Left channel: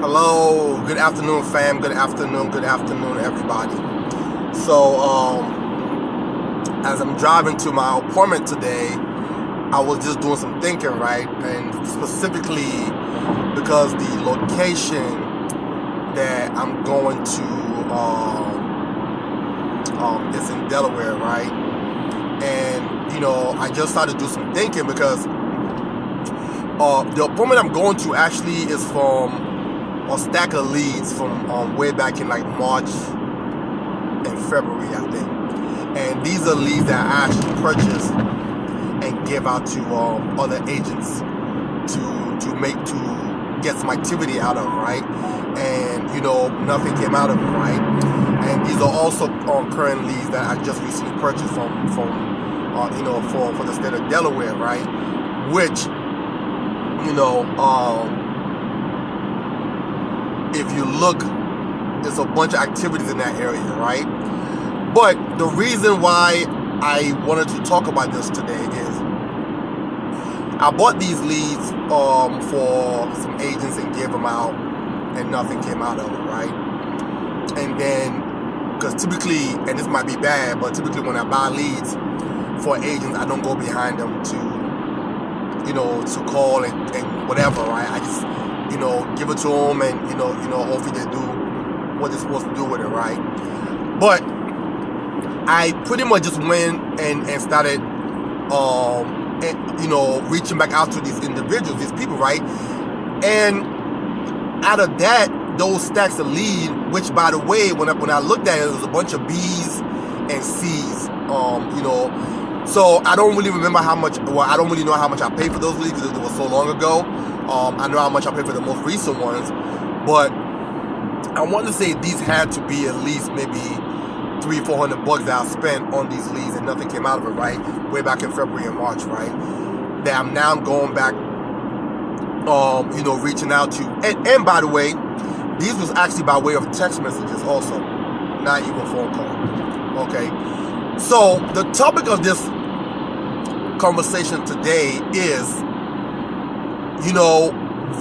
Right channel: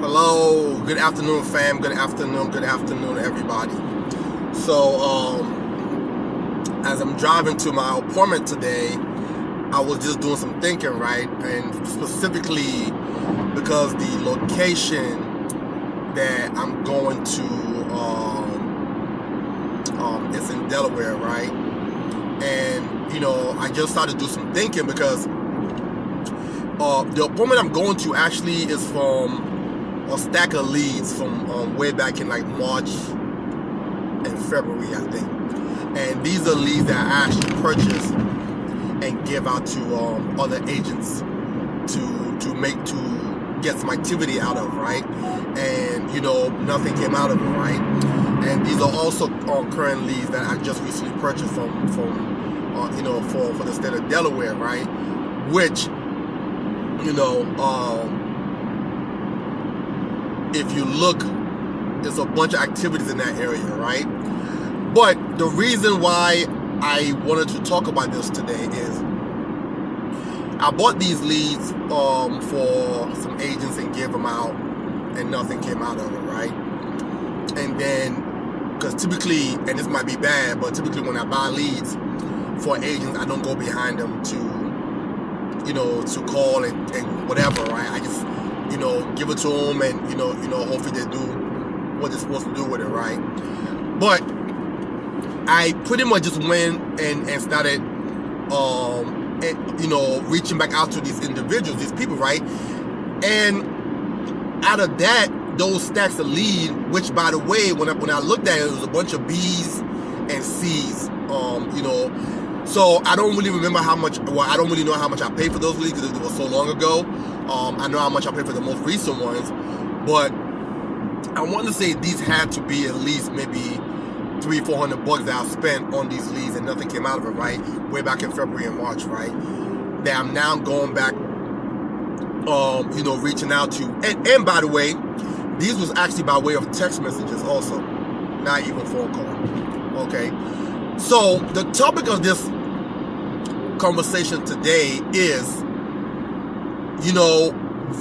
Hello, good afternoon, fam. Good afternoon, everybody. So, as I'm driving to my appointment today, I was just doing some thinking, right? And specifically because the location that I'm going to is in Delaware, right? And I just started to do some thinking because the appointment I'm going to actually is from a stack of leads from way back in like March and February, I think. And these are leads that I actually purchase and give out to other agents to get some activity out of, right? And nothing came out of it, right? And these are also current leads that I just recently purchased from for the state of Delaware, right? Which if you look, there's a bunch of activities in that area, right? But the reason why I wanted to talk about this today is I bought these leads for some agents and gave them out, and nothing came out of it, right? And then, because typically, and this might be bad, but typically when I buy leads for agents, I don't go behind them to call and whatever, right? I just give it to them, and hopefully they do what they're supposed to do with it, right? But I pretty much just went and started reaching back out to these individuals, these people, right? And out of that, those stacks of lead, which by the way, when I looked at it, it was a bunch of B's and C's, so I don't really remember how much, I don't really know how much I paid for those leads because it was so long ago. I know how much I paid for the most recent ones, but I want to say these had to be at least maybe $300-400 that I spent on these leads and nothing came out of it, right? Way back in February and March, right? That I'm now going back, reaching out to, and by the way, these was actually by way of text messages also, not even phone call. Okay, so the topic of this conversation today is,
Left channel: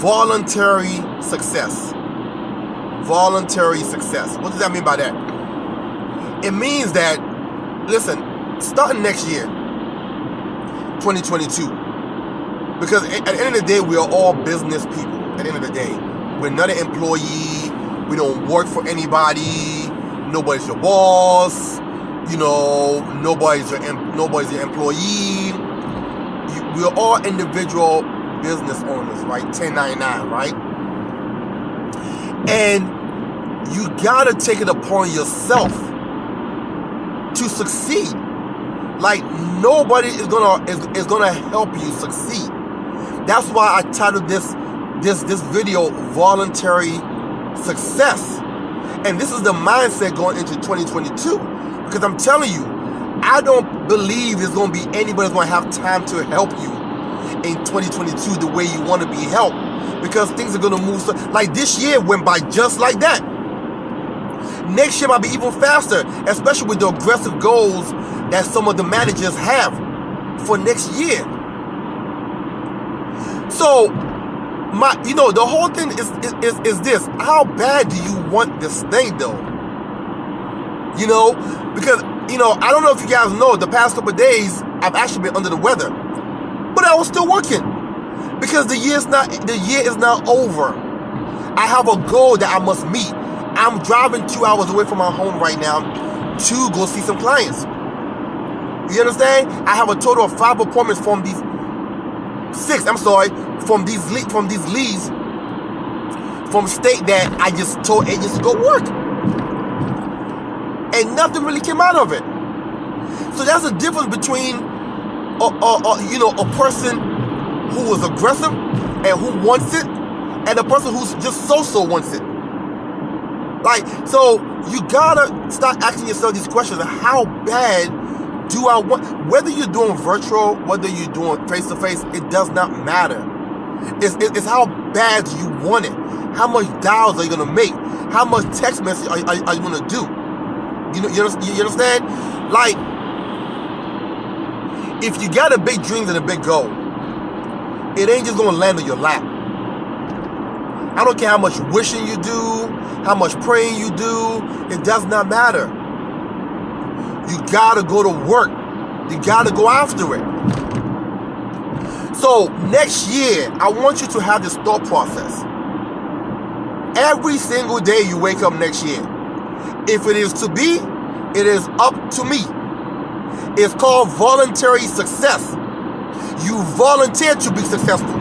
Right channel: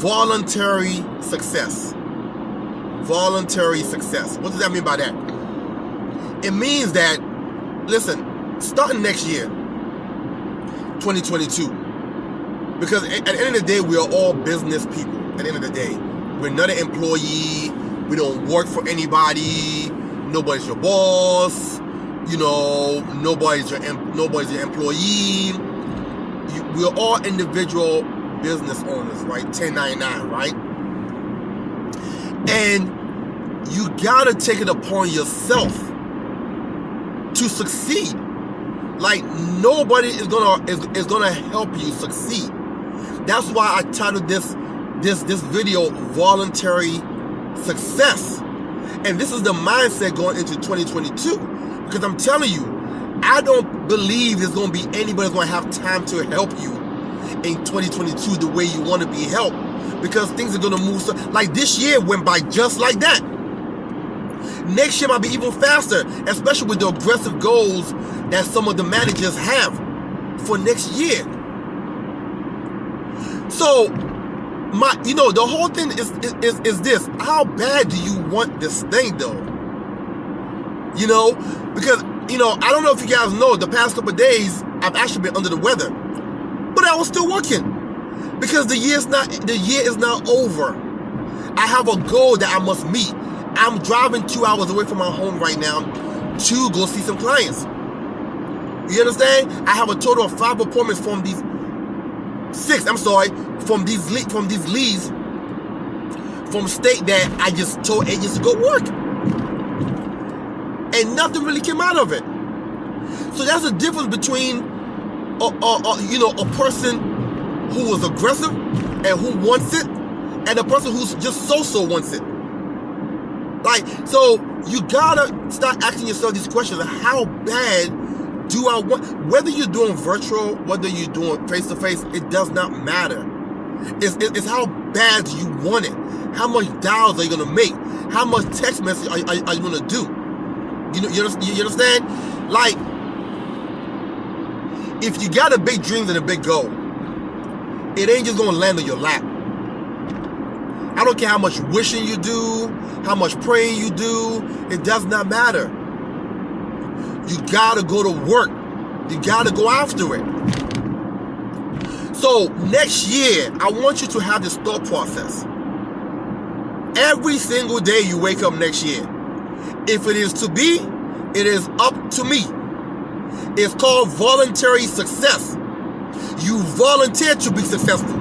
voluntary success. Voluntary success. What does that mean by that? It means that, listen, starting next year, 2022, because at the end of the day, we are all business people. At the end of the day, we're not an employee. We don't work for anybody. Nobody's your boss. Nobody's your employee. We are all individual business owners, right? 1099, right? And you gotta take it upon yourself to succeed. Like nobody is gonna help you succeed. That's why I titled this video "Voluntary Success," and this is the mindset going into 2022. Because I'm telling you, I don't believe there's gonna be anybody that's gonna have time to help you in 2022 the way you want to be helped, because things are gonna move. Like this year went by just like that. Next year might be even faster, especially with the aggressive goals that some of the managers have for next year. So, the whole thing is this: how bad do you want this thing, though? Because I don't know if you guys know, the past couple of days I've actually been under the weather, but I was still working because the year is not over. I have a goal that I must meet. I'm driving 2 hours away from my home right now to go see some clients. You understand? I have a total of 5 appointments from these 6. From these leads from state that I just told agents to go work, and nothing really came out of it. So that's the difference between a person who is aggressive and who wants it, and a person who's just so wants it. Like, so you gotta start asking yourself these questions: how bad do I want? Whether you're doing virtual, whether you're doing face-to-face, it does not matter. It's how bad do you want it? How much dials are you gonna make? How much text message are you gonna do? You understand? Like, if you got a big dream and a big goal, it ain't just gonna land on your lap. I don't care how much wishing you do, how much praying you do. It does not matter. You gotta go to work. You gotta go after it. So next year, I want you to have this thought process. Every single day you wake up next year, if it is to be, it is up to me. It's called voluntary success. You volunteer to be successful.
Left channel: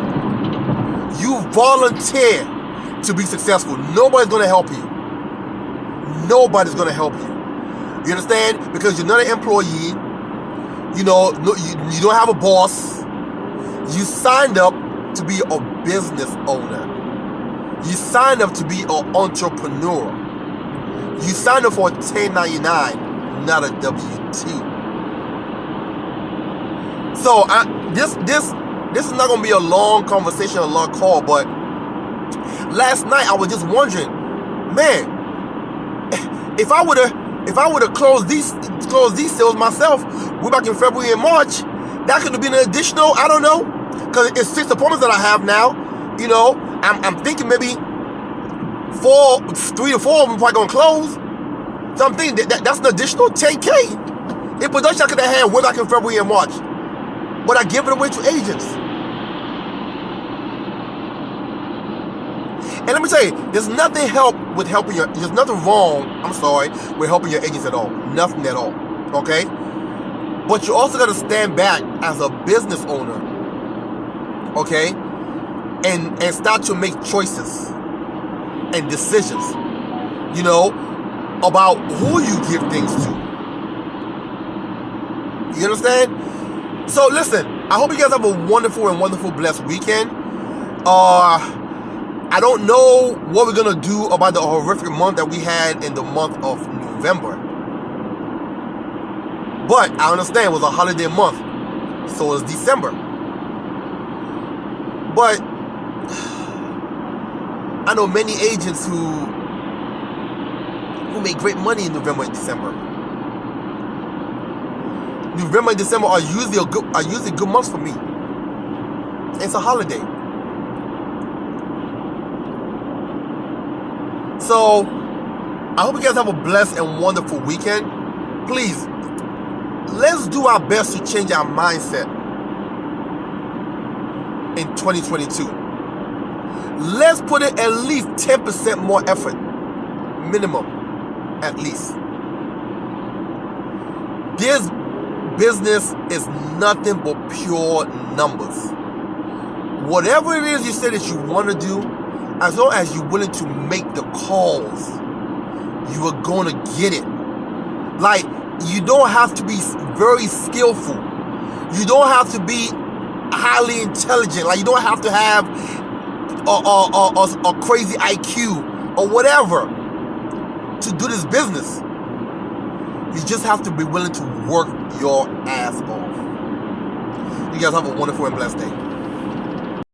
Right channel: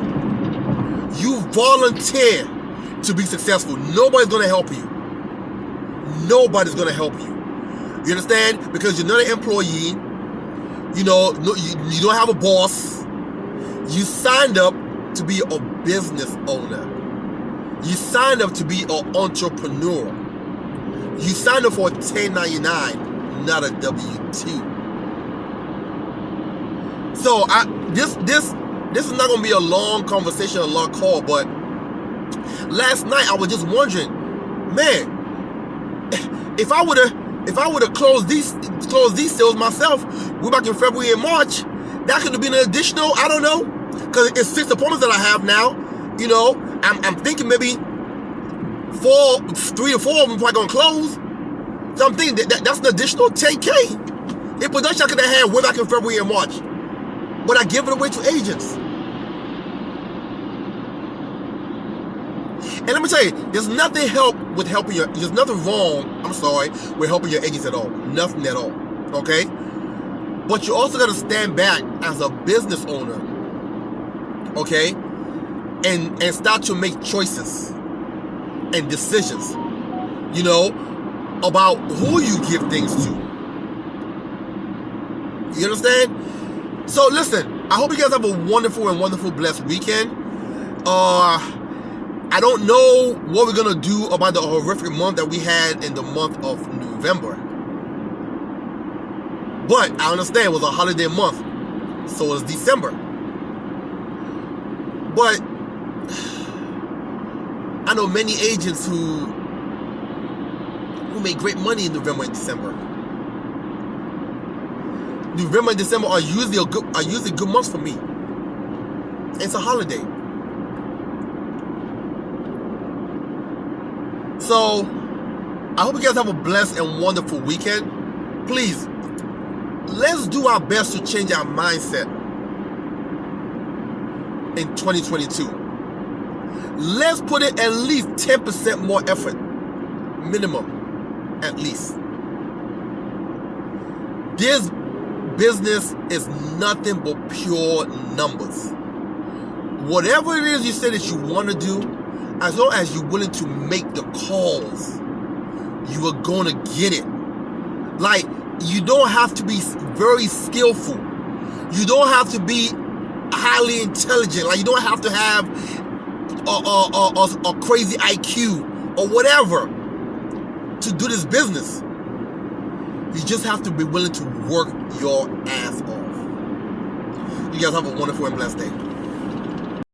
You volunteer to be successful. Nobody's going to help you. Nobody's going to help you. You understand? Because you're not an employee. You know, you don't have a boss. You signed up to be a business owner. You signed up to be an entrepreneur. You signed up for a 1099, not a W-2. So this is not going to be a long conversation, a long call, but last night I was just wondering, man, if I would have closed these sales myself way back in February and March, that could have been an additional, I don't know, because it's 6 appointments that I have now. You know, I'm thinking maybe 3 to 4 of them probably gonna close. So I'm thinking that's an additional 10K in production I could have had way back in February and March, but I give it away to agents. And let me tell you, there's nothing wrong with helping your agents at all. Nothing at all. Okay? But you also gotta stand back as a business owner. Okay? And start to make choices and decisions, you know, about who you give things to. You understand? So listen, I hope you guys have a wonderful, blessed weekend. I don't know what we're going to do about the horrific month that we had in the month of November. But I understand it was a holiday month. So is December. But I know many agents who make great money in November and December. November and December are usually good months for me. It's a holiday. So I hope you guys have a blessed and wonderful weekend. Please, let's do our best to change our mindset in 2022. Let's put in at least 10% more effort. Minimum. At least. This business is nothing but pure numbers. Whatever it is you say that you want to do, as long as you're willing to make the calls, you are going to get it. Like, you don't have to be very skillful. You don't have to be highly intelligent. Like, you don't have to have a crazy IQ or whatever to do this business. You just have to be willing to work your ass off. You guys have a wonderful and blessed day.